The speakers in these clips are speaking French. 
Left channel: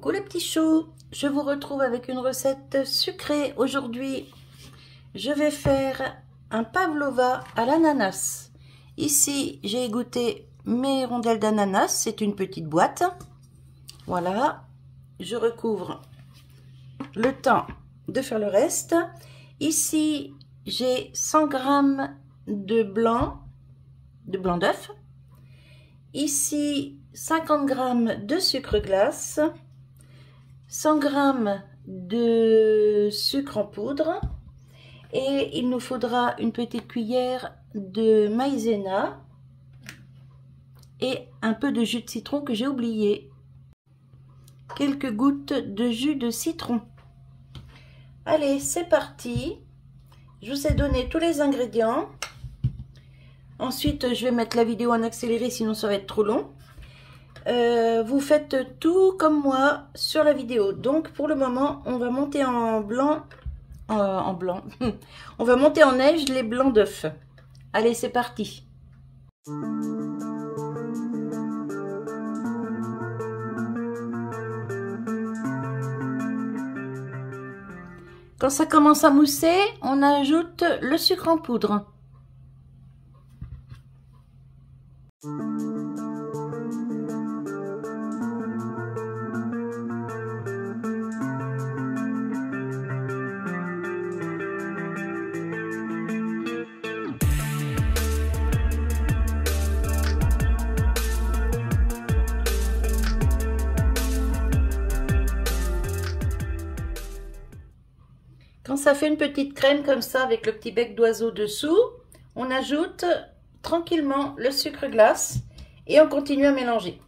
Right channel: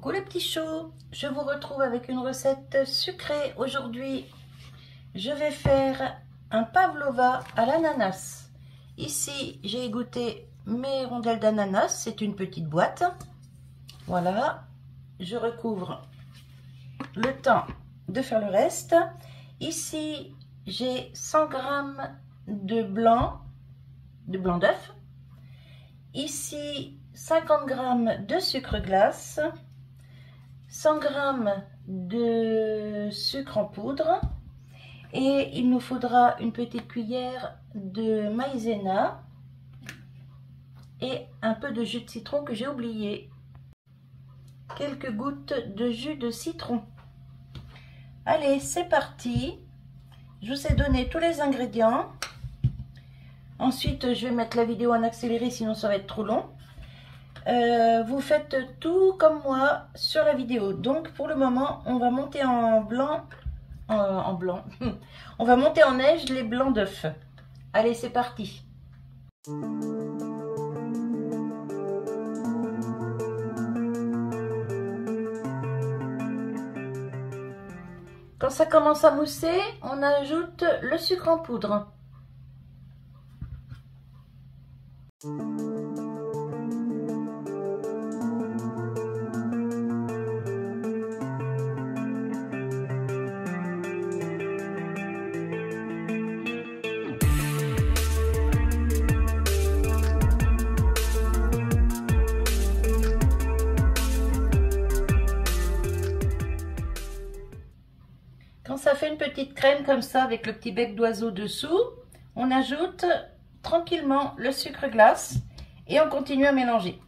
Coucou les petits choux, je vous retrouve avec une recette sucrée. Aujourd'hui, je vais faire un pavlova à l'ananas. Ici, j'ai égoutté mes rondelles d'ananas, c'est une petite boîte. Voilà, je recouvre le temps de faire le reste. Ici, j'ai 100 g de blanc d'œuf. Ici, 50 g de sucre glace, 100 g de sucre en poudre et il nous faudra une petite cuillère de maïzena et un peu de jus de citron que j'ai oublié. Quelques gouttes de jus de citron. Allez, c'est parti. Je vous ai donné tous les ingrédients. Ensuite, je vais mettre la vidéo en accéléré, sinon ça va être trop long. Vous faites tout comme moi sur la vidéo. Donc, pour le moment, on va monter en blanc. On va monter en neige les blancs d'œufs. Allez, c'est parti. Quand ça commence à mousser, on ajoute le sucre en poudre. Quand ça fait une petite crème comme ça avec le petit bec d'oiseau dessous, on ajoute tranquillement le sucre glace et on continue à mélanger.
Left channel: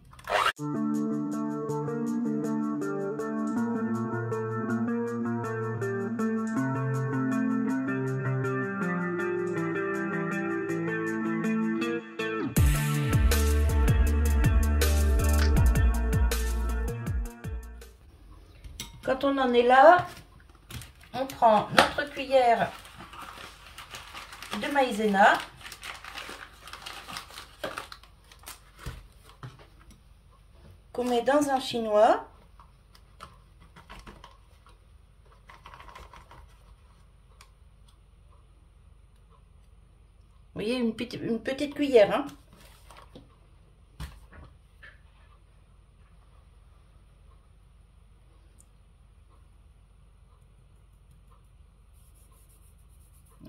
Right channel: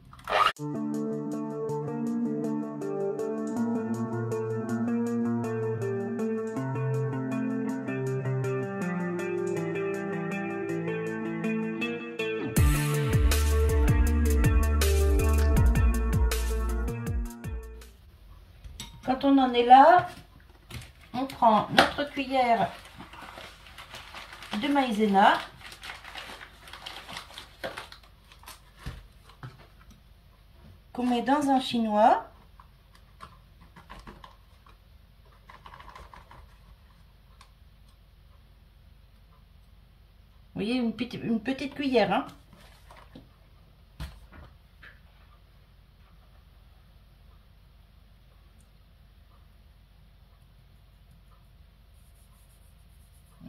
Quand on en est là, on prend notre cuillère de maïzena qu'on met dans un chinois. Vous voyez, une petite cuillère, hein.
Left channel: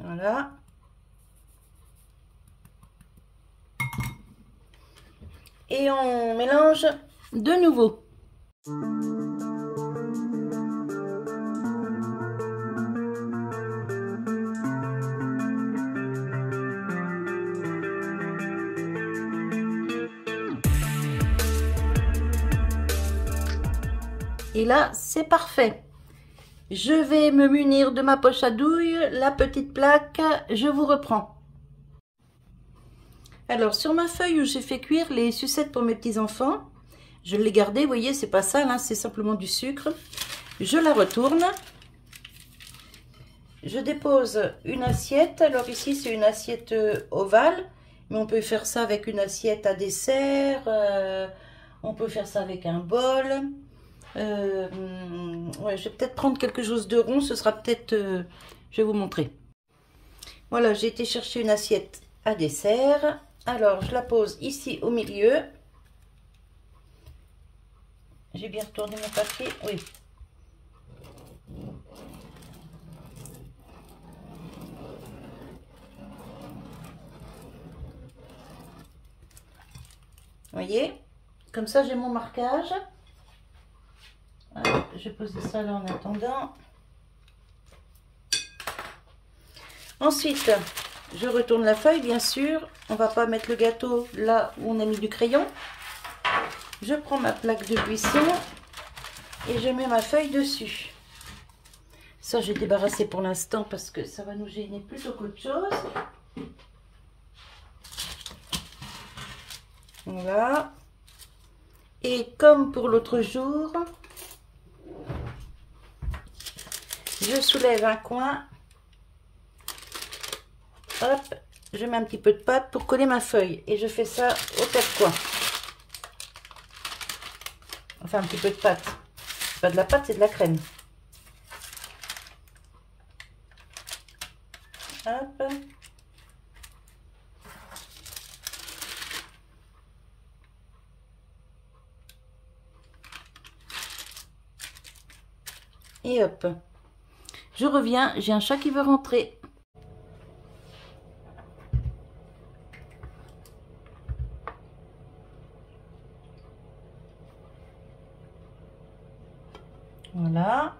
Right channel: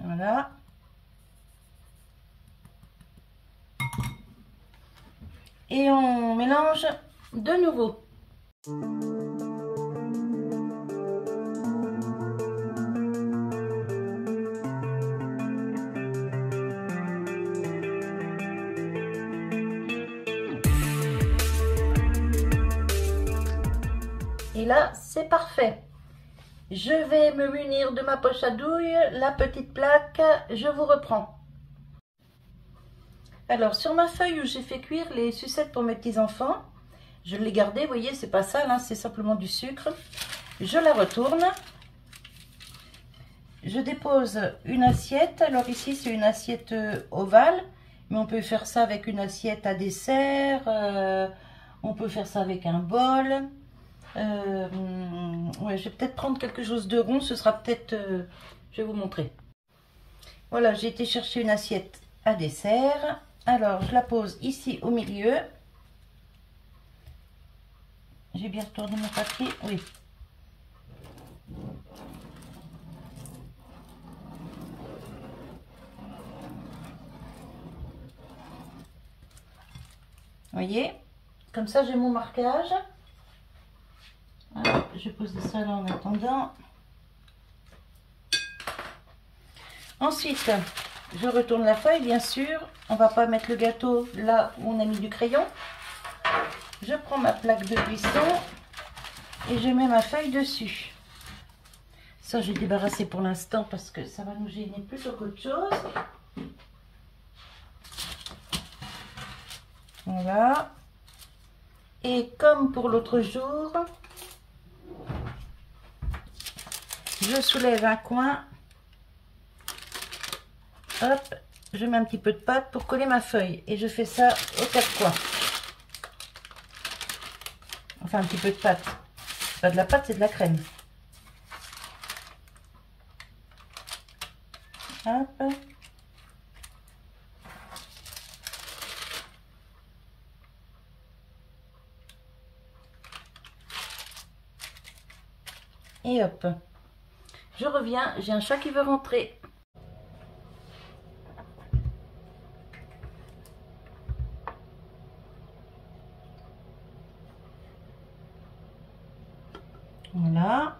Voilà. Et on mélange de nouveau. Et là, c'est parfait. Je vais me munir de ma poche à douille, la petite plaque, je vous reprends. Alors, sur ma feuille où j'ai fait cuire les sucettes pour mes petits-enfants, je l'ai gardée, vous voyez, c'est pas sale, hein, c'est simplement du sucre. Je la retourne. Je dépose une assiette. Alors ici, c'est une assiette ovale, mais on peut faire ça avec une assiette à dessert, on peut faire ça avec un bol. Ouais, je vais peut-être prendre quelque chose de rond, ce sera peut-être, je vais vous montrer. Voilà, j'ai été chercher une assiette à dessert. Alors, je la pose ici au milieu. J'ai bien retourné mon papier, oui. Vous voyez, comme ça j'ai mon marquage. Alors, je vais poser ça là en attendant. Ensuite, je retourne la feuille, bien sûr. On va pas mettre le gâteau là où on a mis du crayon. Je prends ma plaque de cuisson et je mets ma feuille dessus. Ça, je vais débarrasser pour l'instant parce que ça va nous gêner plutôt qu'autre chose. Voilà. Et comme pour l'autre jour, je soulève un coin. Hop, je mets un petit peu de pâte pour coller ma feuille. Et je fais ça aux quatre coins. Enfin, un petit peu de pâte. pas de la pâte, c'est de la crème. Hop. Et hop. Je reviens, j'ai un chat qui veut rentrer. Voilà.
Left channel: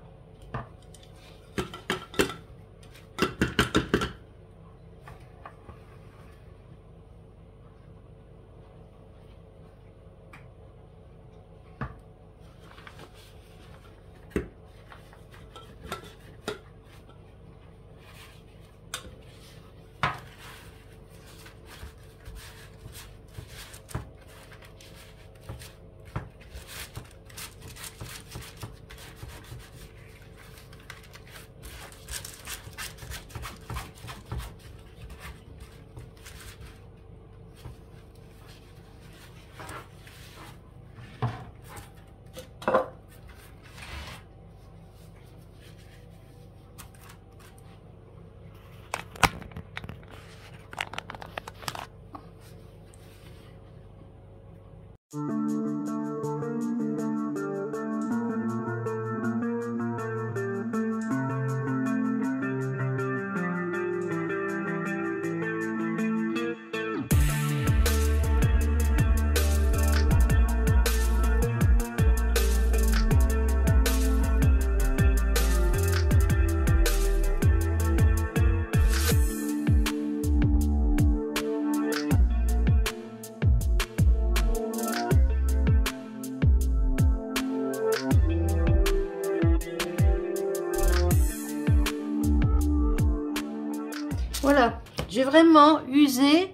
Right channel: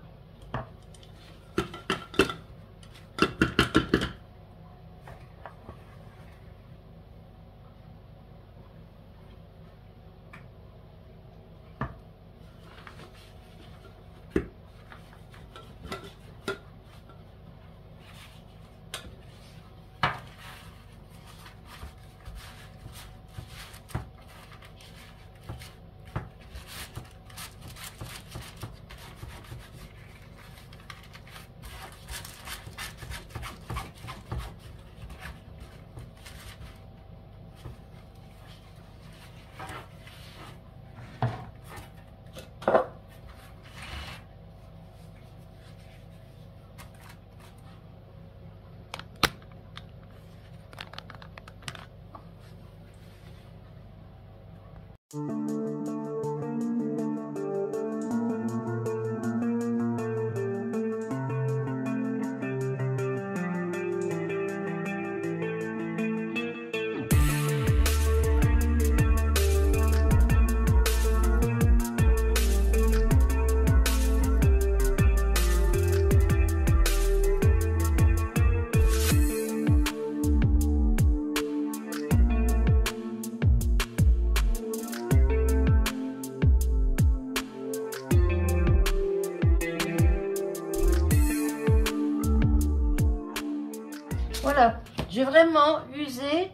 Voilà, j'ai vraiment usé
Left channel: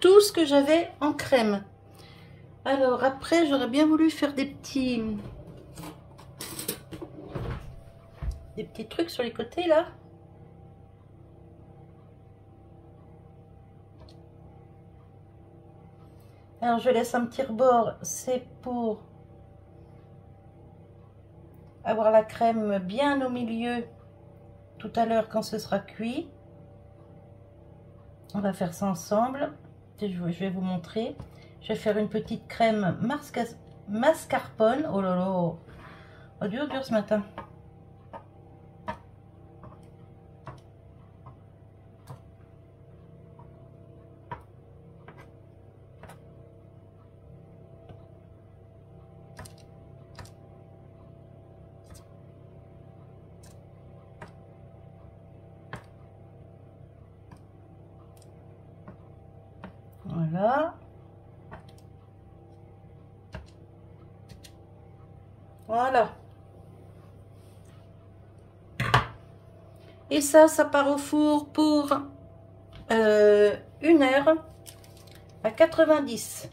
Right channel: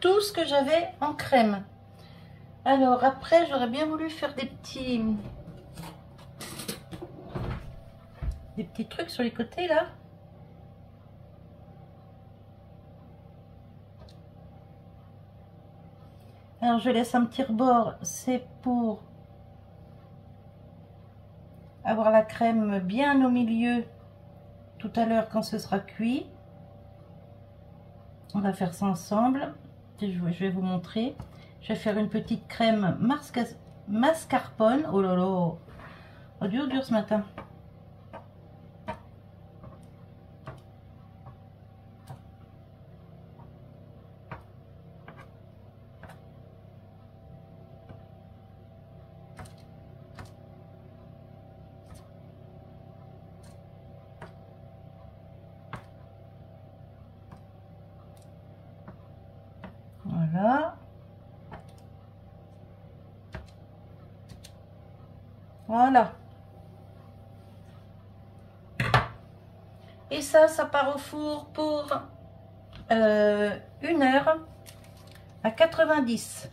tout ce que j'avais en crème. Alors après, j'aurais bien voulu faire des petits trucs sur les côtés là. Alors je laisse un petit rebord, c'est pour avoir la crème bien au milieu tout à l'heure quand ce sera cuit. On va faire ça ensemble. Je vais vous montrer. Je vais faire une petite crème mascarpone. Oh là là, oh, dur ce matin. Voilà. Voilà. Et ça part au four pour 1 heure à 90.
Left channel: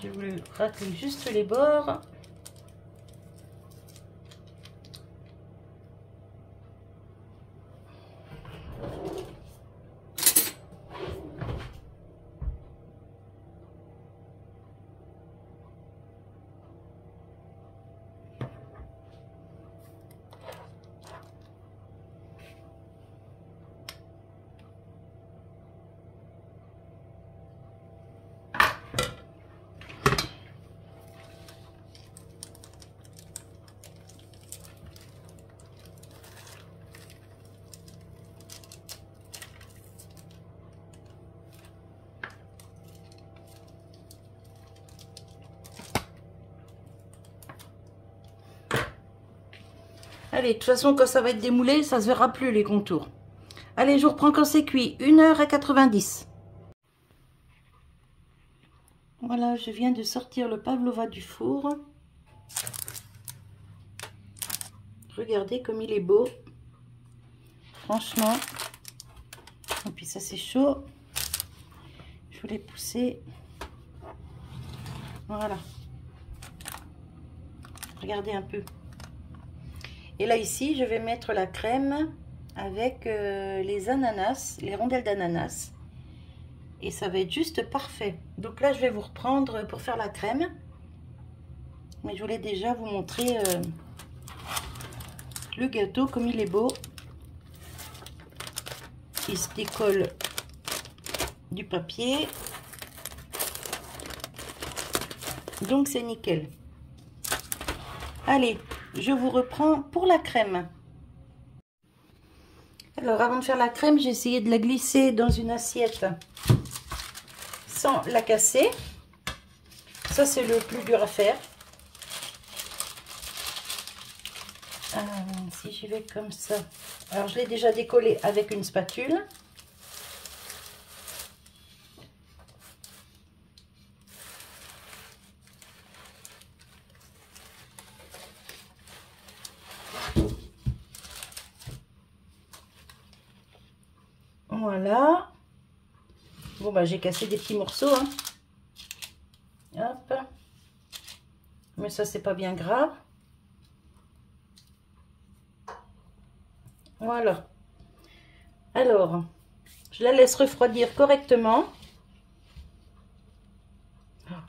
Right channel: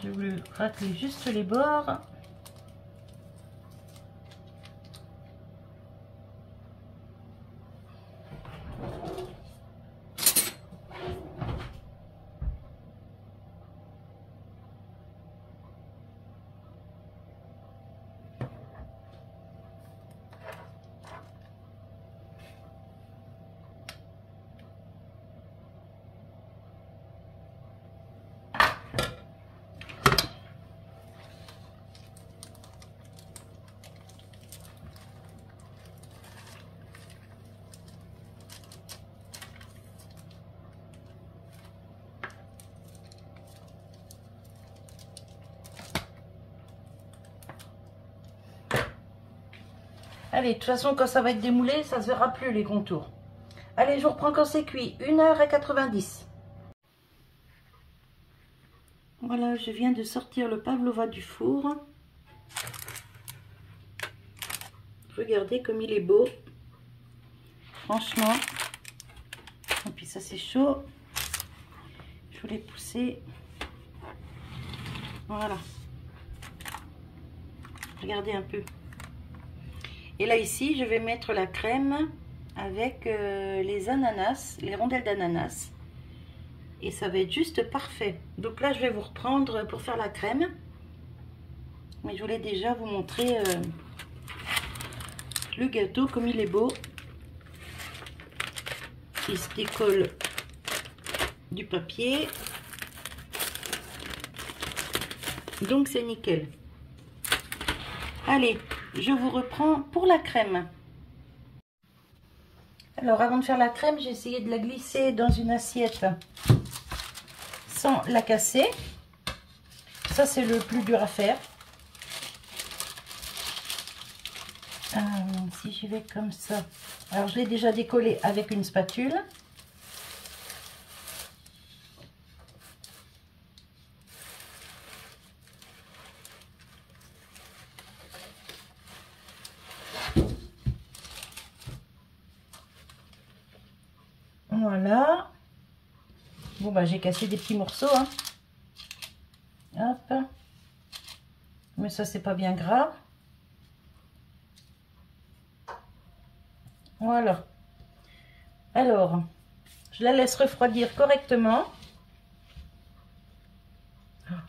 J'ai voulu racler juste les bords. Allez, de toute façon, quand ça va être démoulé, ça se verra plus les contours. Allez, je vous reprends quand c'est cuit. 1 heure à 90. Voilà, je viens de sortir le pavlova du four. Regardez comme il est beau. Franchement. Et puis ça, c'est chaud. Je voulais pousser. Voilà. Regardez un peu. Et là, ici, je vais mettre la crème avec les ananas, les rondelles d'ananas. Et ça va être juste parfait. Donc là, je vais vous reprendre pour faire la crème. Mais je voulais déjà vous montrer le gâteau comme il est beau. Il se décolle du papier. Donc c'est nickel. Allez, je vous reprends pour la crème. Alors avant de faire la crème, j'ai essayé de la glisser dans une assiette sans la casser. Ça c'est le plus dur à faire. Si j'y vais comme ça. Alors je l'ai déjà décollé avec une spatule. Voilà. Bon bah j'ai cassé des petits morceaux. Hein. Hop. Mais ça c'est pas bien grave. Voilà. Alors, je la laisse refroidir correctement.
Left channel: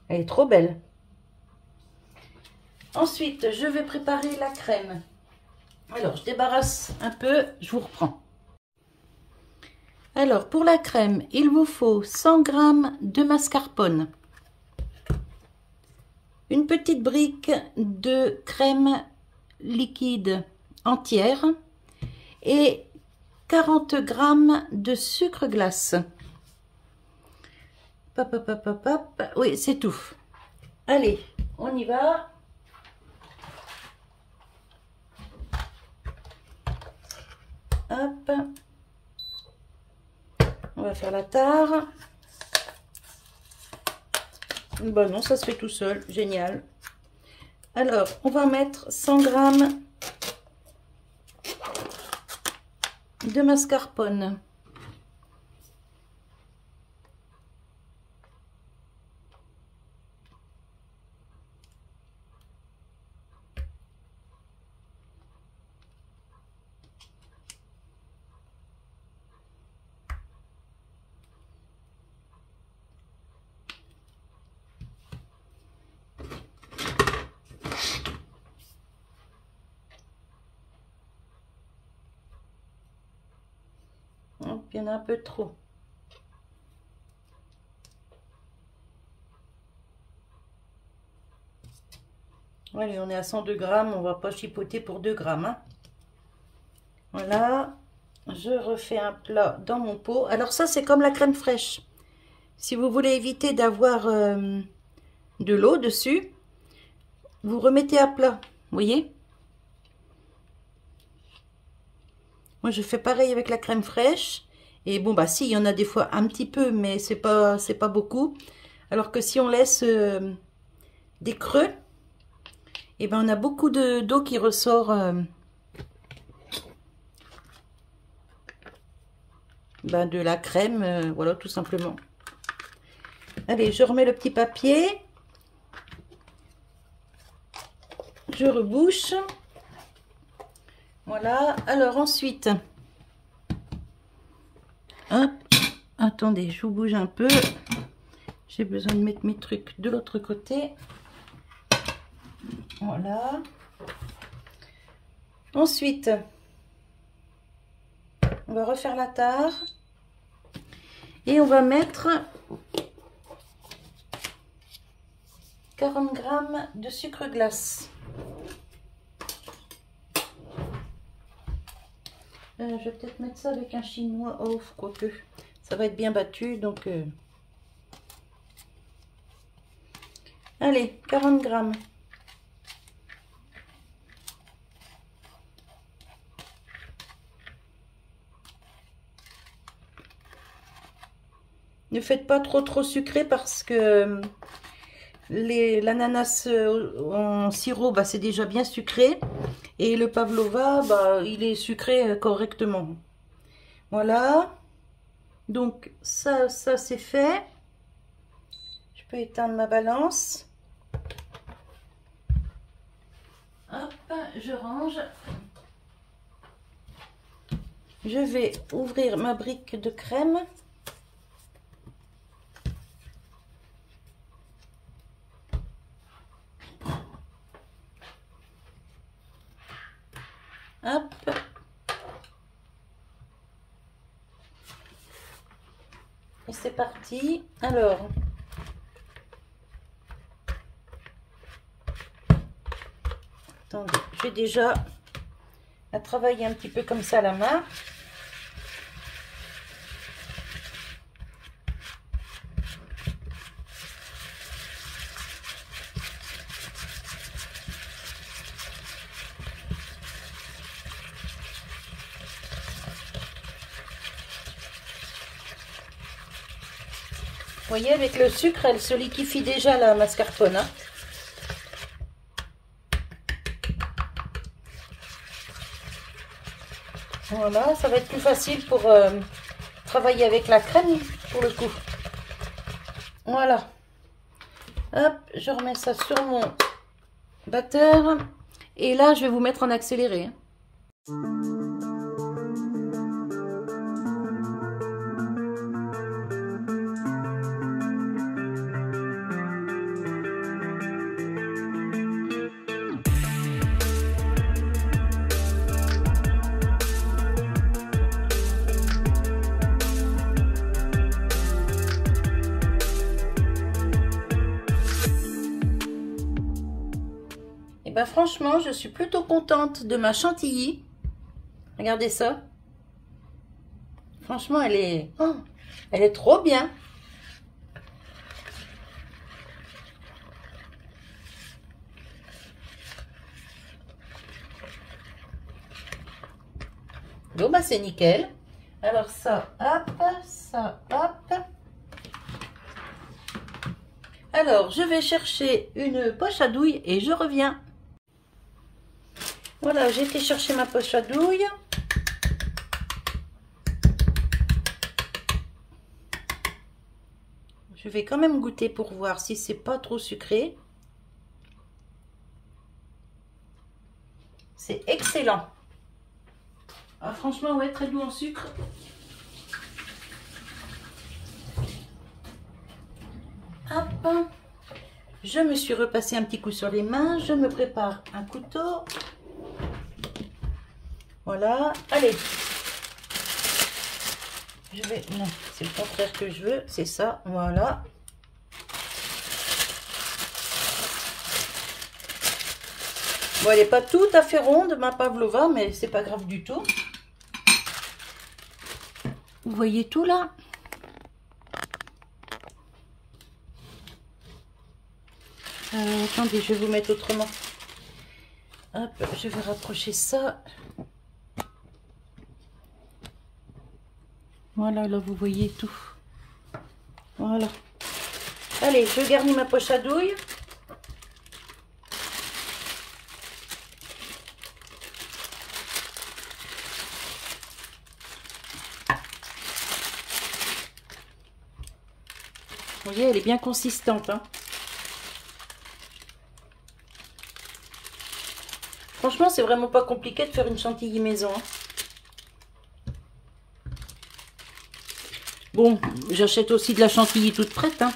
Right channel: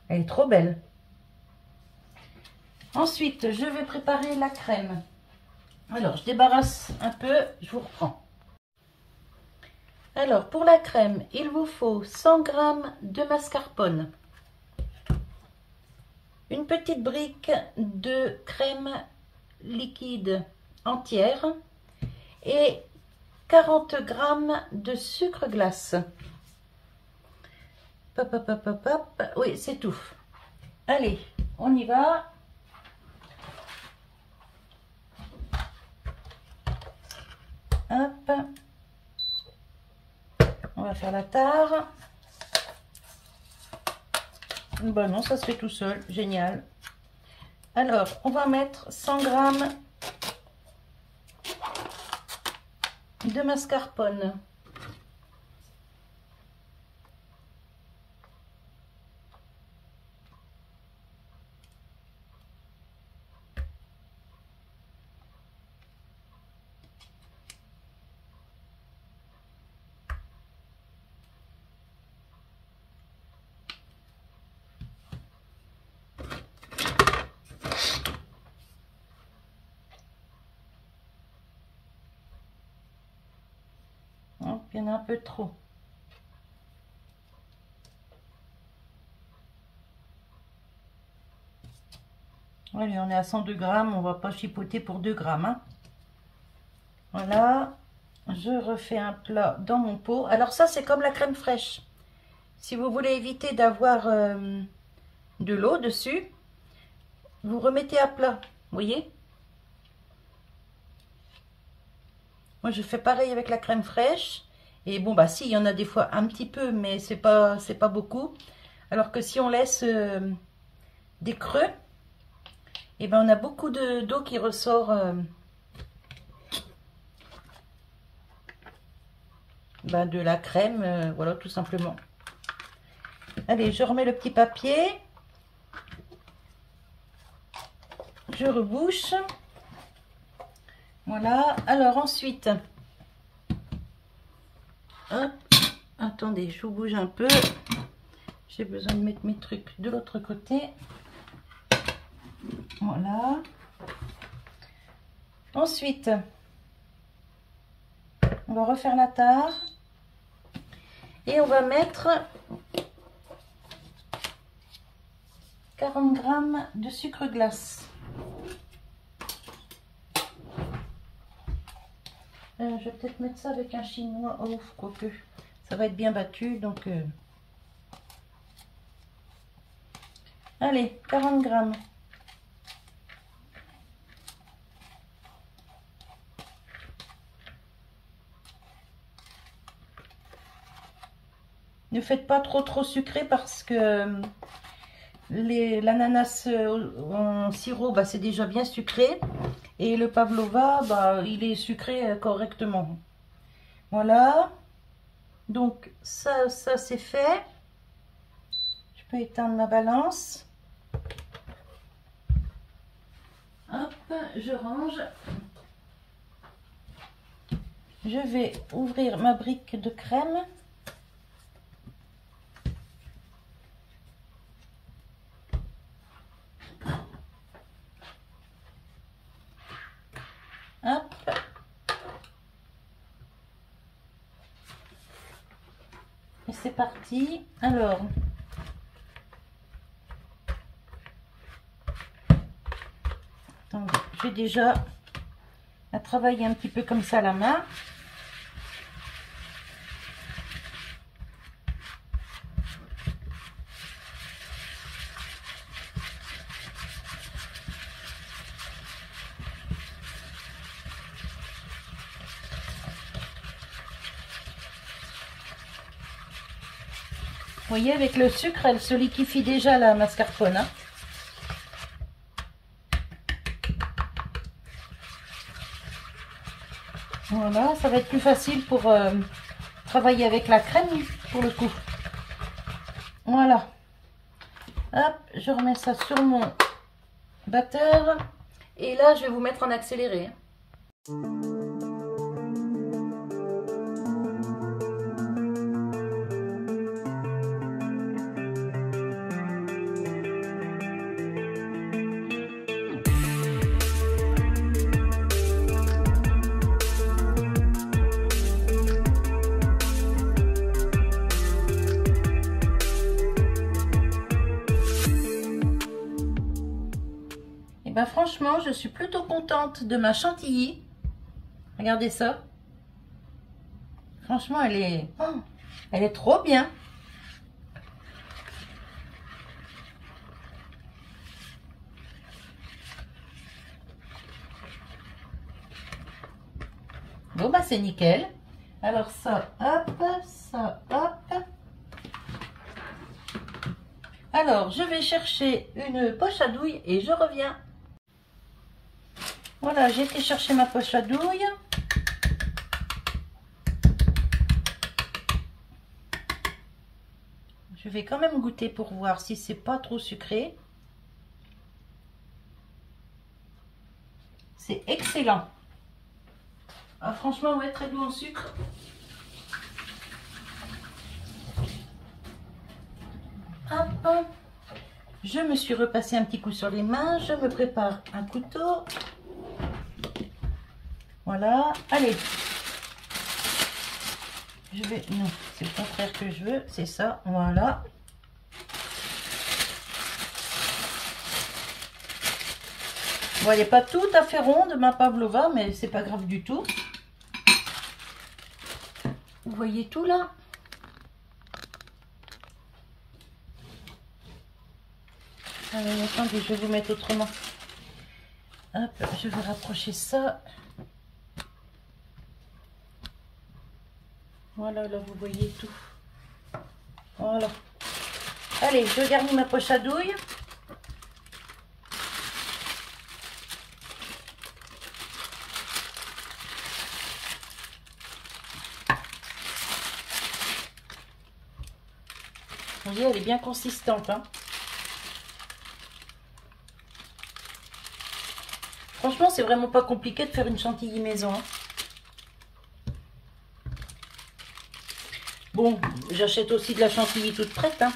Elle est trop belle. Ensuite, je vais préparer la crème. Alors, je débarrasse un peu, je vous reprends. Alors, pour la crème, il vous faut 100 g de mascarpone, une petite brique de crème liquide entière et 40 g de sucre glace. Hop, hop, hop, hop, hop. Oui, c'est tout. Allez, on y va. Hop. On va faire la tare. Bon, non, ça se fait tout seul. Génial. Alors, on va mettre 100 g de mascarpone. Il y en a un peu trop. Allez, on est à 102 g, on va pas chipoter pour 2 g. Hein. Voilà, je refais un plat dans mon pot. Alors ça, c'est comme la crème fraîche. Si vous voulez éviter d'avoir de l'eau dessus, vous remettez à plat, vous voyez? Moi, je fais pareil avec la crème fraîche. Et bon, bah si, il y en a des fois un petit peu, mais c'est pas beaucoup. Alors que si on laisse des creux, et ben on a beaucoup d'eau qui ressort de la crème, voilà, tout simplement. Allez, je remets le petit papier. Je rebouche. Voilà. Alors ensuite, hop, attendez, je vous bouge un peu. J'ai besoin de mettre mes trucs de l'autre côté. Voilà. Ensuite, on va refaire la tare. Et on va mettre 40 g de sucre glace. Je vais peut-être mettre ça avec un chinois. Oh, quoique, ça va être bien battu. Donc, allez, 40 g. Ne faites pas trop sucré parce que l'ananas en sirop, c'est déjà bien sucré. Et le pavlova, il est sucré correctement. Voilà. Donc, ça c'est fait. Je peux éteindre ma balance. Hop, je range. je vais ouvrir ma brique de crème. Hop. Et c'est parti. Alors, attendez, j'ai déjà à travailler un petit peu comme ça la main. Vous voyez, avec le sucre, elle se liquéfie déjà la mascarpone. Hein. Voilà, ça va être plus facile pour travailler avec la crème pour le coup. Voilà. Hop, je remets ça sur mon batteur. Et là, je vais vous mettre en accéléré. Et ben franchement, je suis plutôt contente de ma chantilly. Regardez ça. Franchement, elle est trop bien. Bon, bah c'est nickel. Alors ça, hop, ça, hop. Alors, je vais chercher une poche à douille et je reviens. Voilà, j'ai été chercher ma poche à douille. Je vais quand même goûter pour voir si c'est pas trop sucré. C'est excellent. Ah, franchement, ouais, très doux en sucre. Hop. Je me suis repassé un petit coup sur les mains. Je me prépare un couteau. Voilà. Allez. Je vais... Non, c'est le contraire que je veux. C'est ça. Voilà. Bon, elle n'est pas tout à fait ronde, ma pavlova, mais c'est pas grave du tout. Vous voyez tout là? Attendez, je vais vous mettre autrement. Hop, je vais rapprocher ça. Voilà, là vous voyez tout. Voilà. Allez, je garnis ma poche à douille. Vous voyez, elle est bien consistante. Hein. Franchement, c'est vraiment pas compliqué de faire une chantilly maison. Hein. Bon, j'achète aussi de la chantilly toute prête. Hein.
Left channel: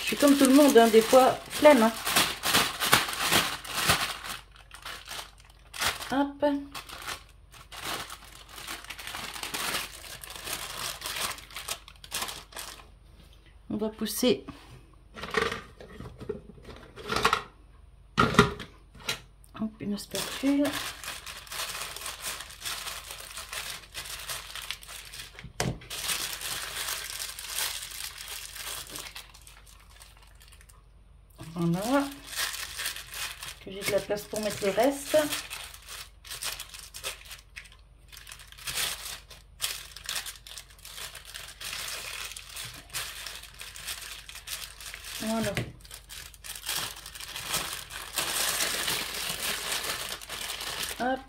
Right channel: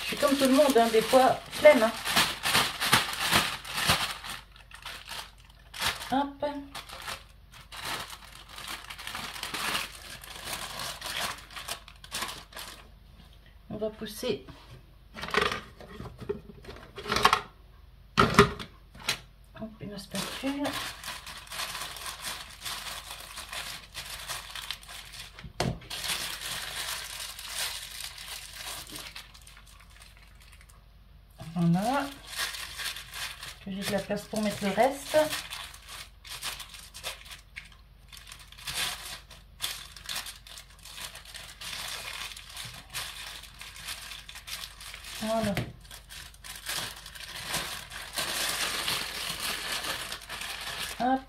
Je suis comme tout le monde, hein, des fois, flemme. Hein. Hop. On va pousser. Hop, une spatule. Voilà. Que j'ai de la place pour mettre le reste. Voilà. Hop.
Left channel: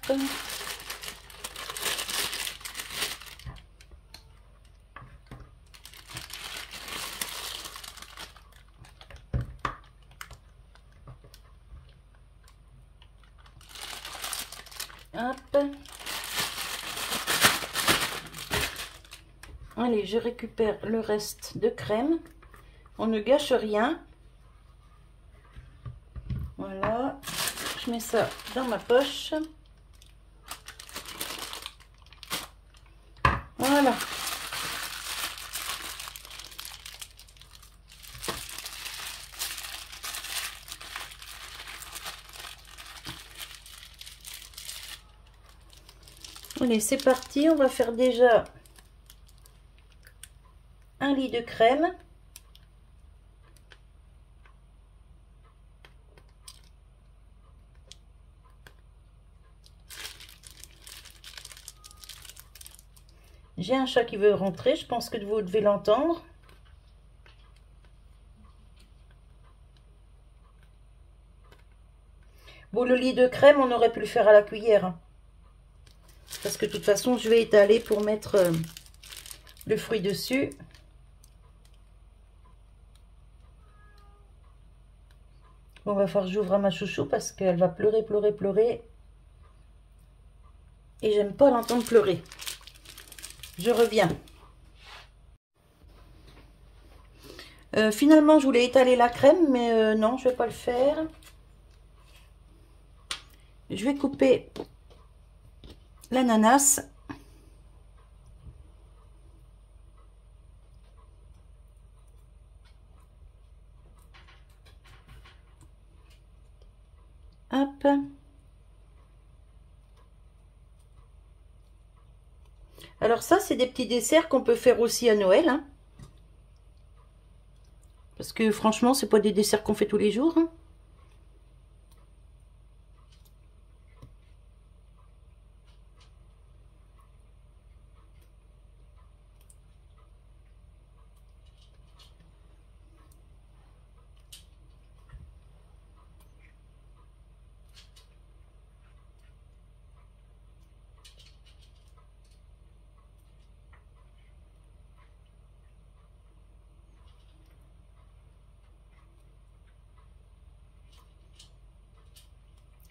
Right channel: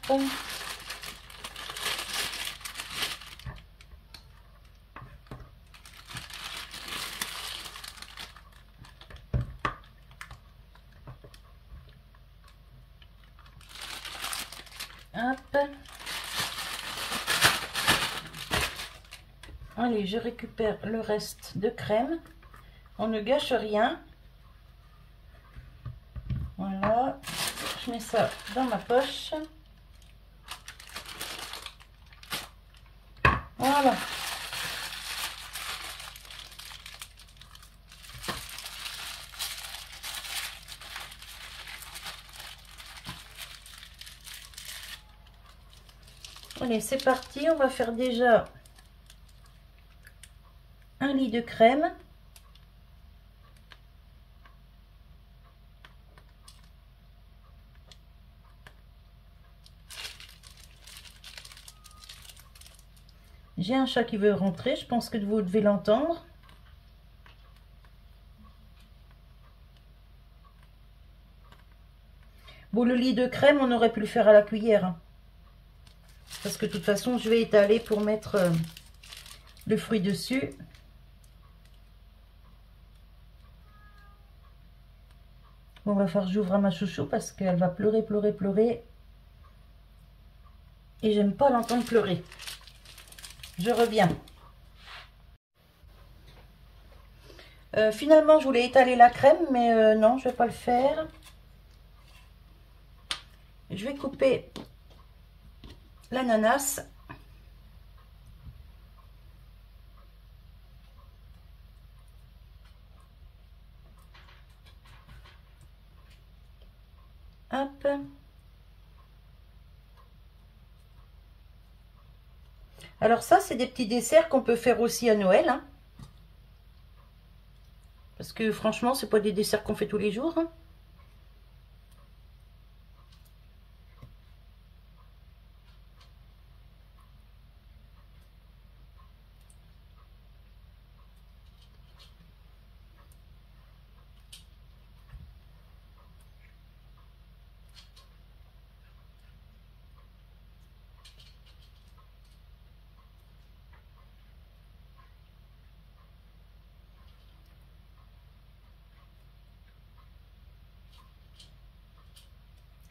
Hop. Allez, je récupère le reste de crème. On ne gâche rien. Voilà. Je mets ça dans ma poche. Voilà. Allez, c'est parti. On va faire déjà un lit de crème. J'ai un chat qui veut rentrer. Je pense que vous devez l'entendre. Bon, le lit de crème, on aurait pu le faire à la cuillère, hein. Parce que de toute façon, je vais étaler pour mettre le fruit dessus. On va faire, j'ouvre à ma chouchou parce qu'elle va pleurer, pleurer, pleurer. Et j'aime pas l'entendre pleurer. Je reviens. Finalement, je voulais étaler la crème, mais non, je vais pas le faire. Je vais couper l'ananas. Hop. Alors ça, c'est des petits desserts qu'on peut faire aussi à Noël, hein. Parce que franchement, c'est pas des desserts qu'on fait tous les jours, hein.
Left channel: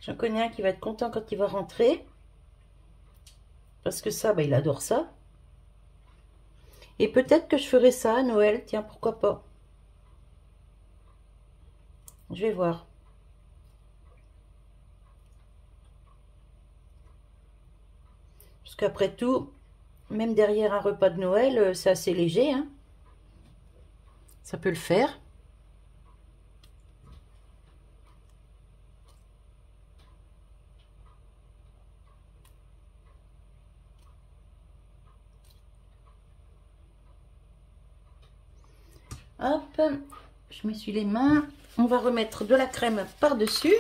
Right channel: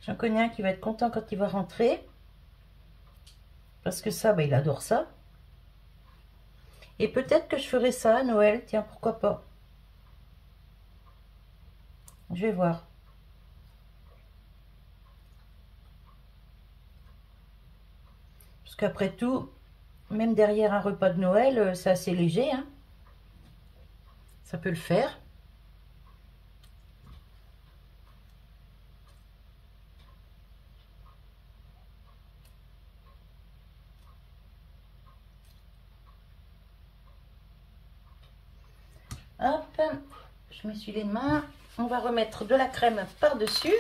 J'en connais un qui va être content quand il va rentrer. Parce que ça, bah, il adore ça. Et peut-être que je ferai ça à Noël. Tiens, pourquoi pas. Je vais voir. Parce qu'après tout, même derrière un repas de Noël, c'est assez léger, hein. Ça peut le faire. Hop, je m'essuie les mains. On va remettre de la crème par-dessus.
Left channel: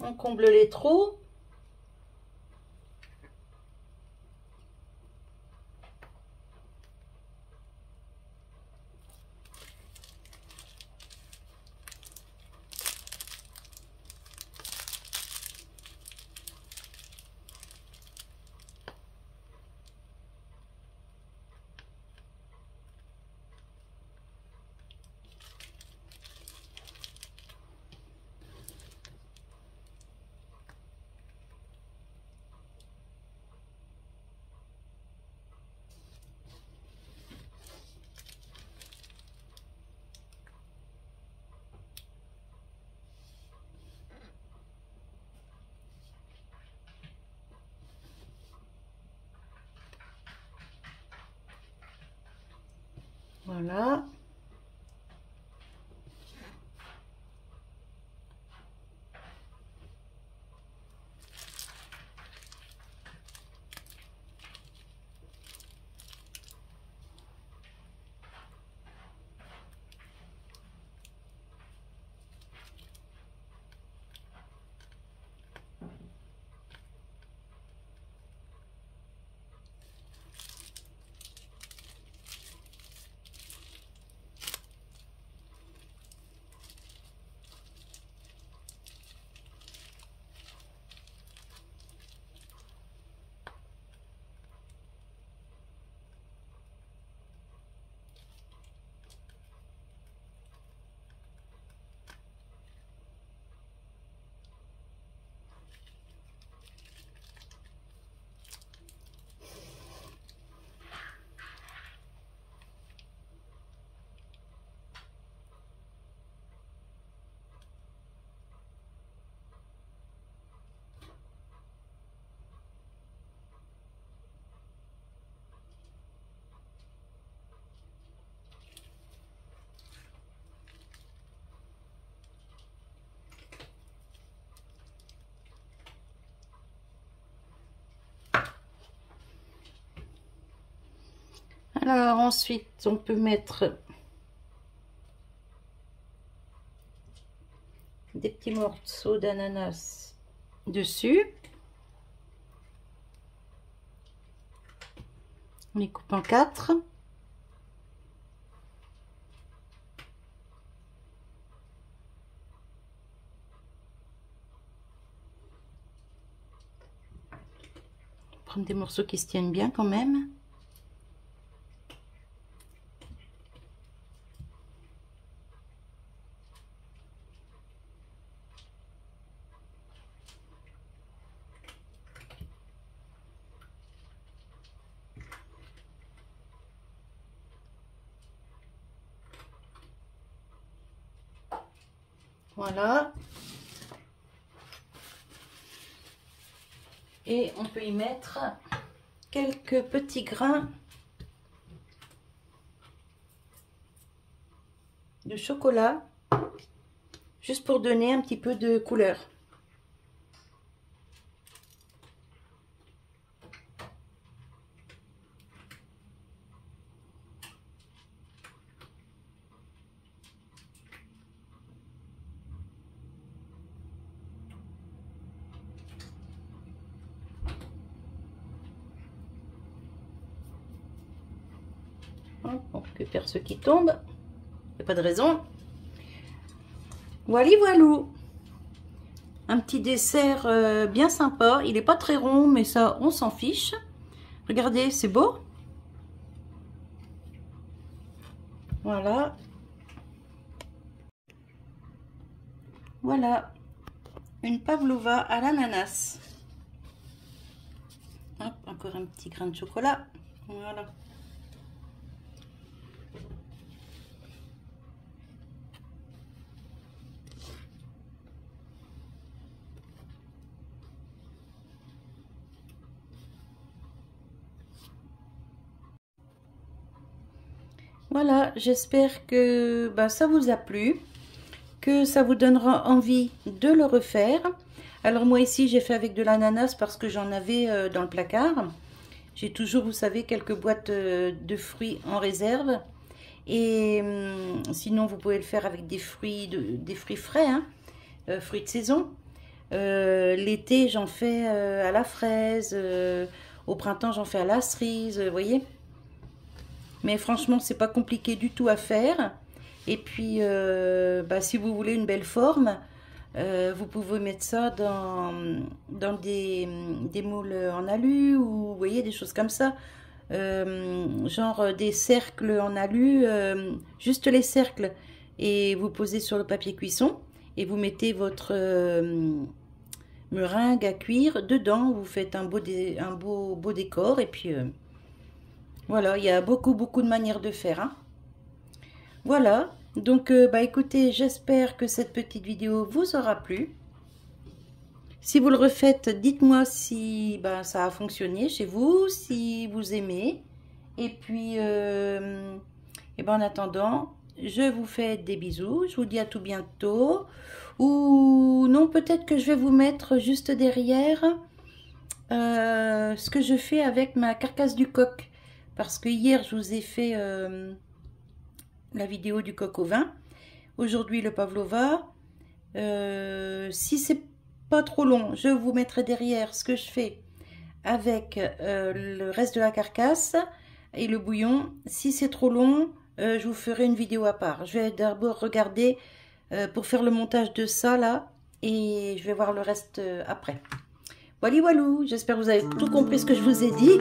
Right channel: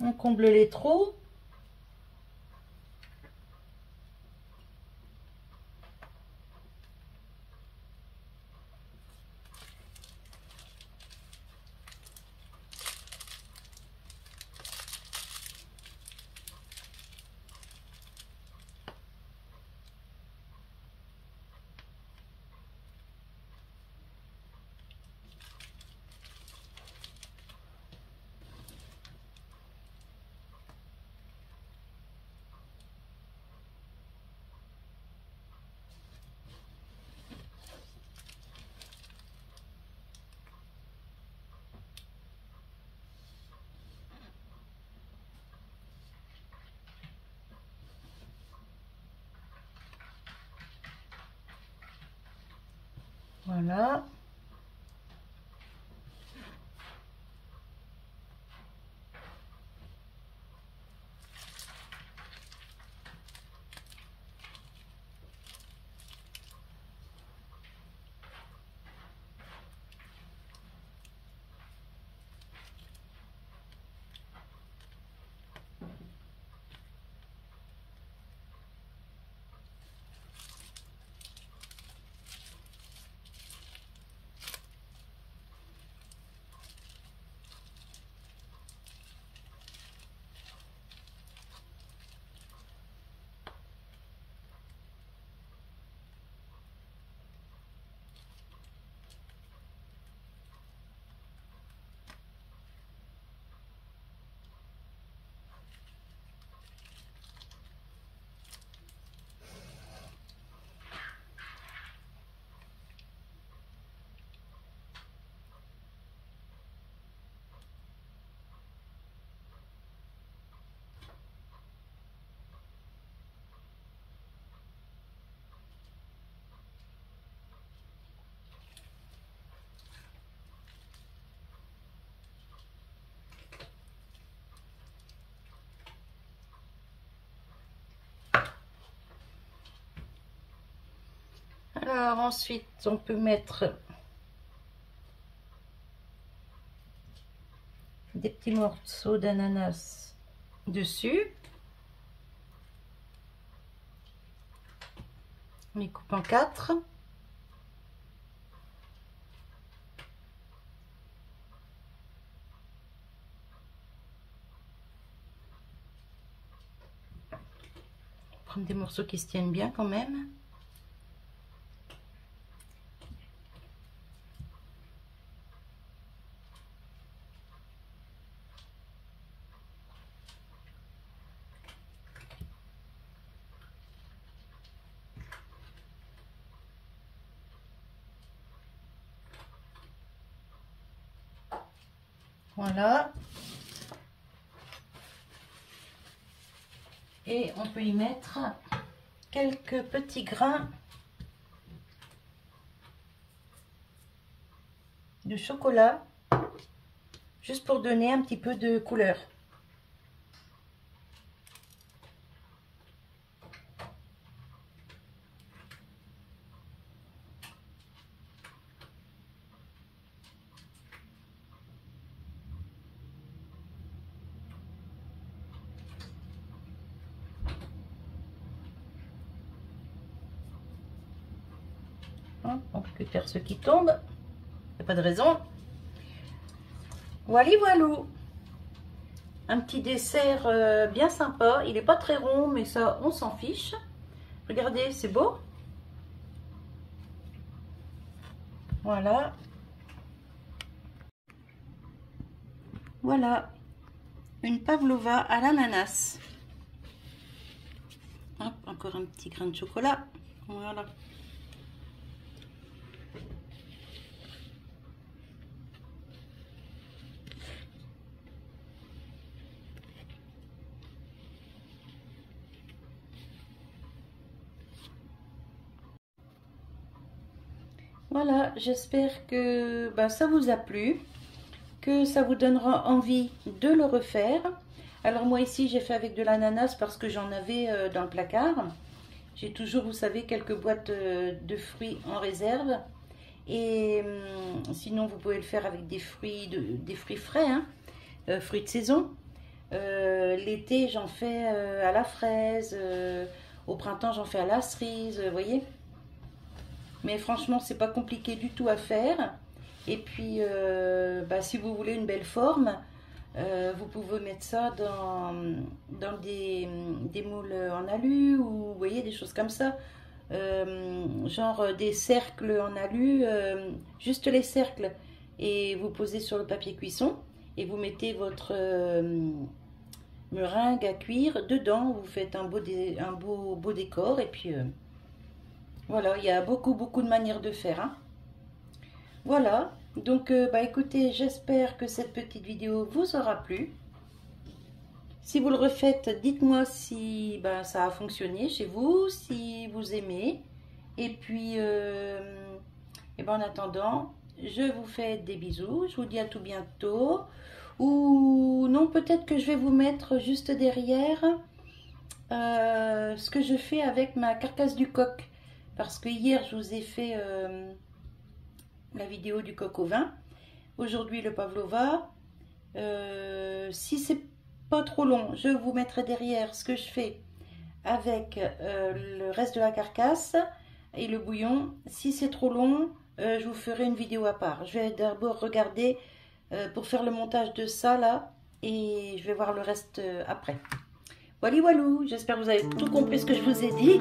On comble les trous. Voilà. Alors ensuite, on peut mettre des petits morceaux d'ananas dessus. On les coupe en 4. Prendre des morceaux qui se tiennent bien quand même. Voilà. Et on peut y mettre quelques petits grains de chocolat, juste pour donner un petit peu de couleur. On récupère ceux qui tombent, il n'y a pas de raison. Voilà, voilou. Un petit dessert bien sympa. Il n'est pas très rond, mais ça, on s'en fiche. Regardez, c'est beau. Voilà. Voilà. Une pavlova à l'ananas. Hop, encore un petit grain de chocolat. Voilà. Voilà, j'espère que ça vous a plu, que ça vous donnera envie de le refaire. Alors moi ici j'ai fait avec de l'ananas parce que j'en avais dans le placard. J'ai toujours, vous savez, quelques boîtes de fruits en réserve. Et sinon vous pouvez le faire avec des fruits frais, hein, fruits de saison. L'été j'en fais à la fraise, au printemps j'en fais à la cerise, vous voyez. Mais franchement, c'est pas compliqué du tout à faire. Et puis, si vous voulez une belle forme, vous pouvez mettre ça dans des moules en alu ou vous voyez, des choses comme ça. Genre des cercles en alu, juste les cercles. Et vous posez sur le papier cuisson et vous mettez votre meringue à cuire dedans. Vous faites un beau décor et puis... voilà, il y a beaucoup de manières de faire, hein. Voilà, donc écoutez, j'espère que cette petite vidéo vous aura plu. Si vous le refaites, dites-moi si ça a fonctionné chez vous, si vous aimez. Et puis, en attendant, je vous fais des bisous, je vous dis à tout bientôt. Ou non, peut-être que je vais vous mettre juste derrière ce que je fais avec ma carcasse du coq. Parce que hier, je vous ai fait la vidéo du coq au vin. Aujourd'hui, le pavlova. Si c'est pas trop long, je vous mettrai derrière ce que je fais avec le reste de la carcasse et le bouillon. Si c'est trop long, je vous ferai une vidéo à part. Je vais d'abord regarder pour faire le montage de ça, là. Et je vais voir le reste après. Voilà, voilou. J'espère que vous avez tout compris ce que je vous ai dit.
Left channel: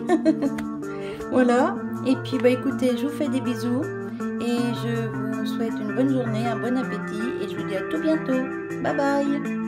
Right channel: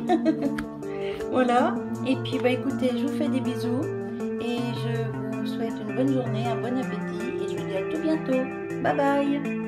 Voilà, et puis écoutez, je vous fais des bisous et je vous souhaite une bonne journée, un bon appétit et je vous dis à tout bientôt. Bye bye.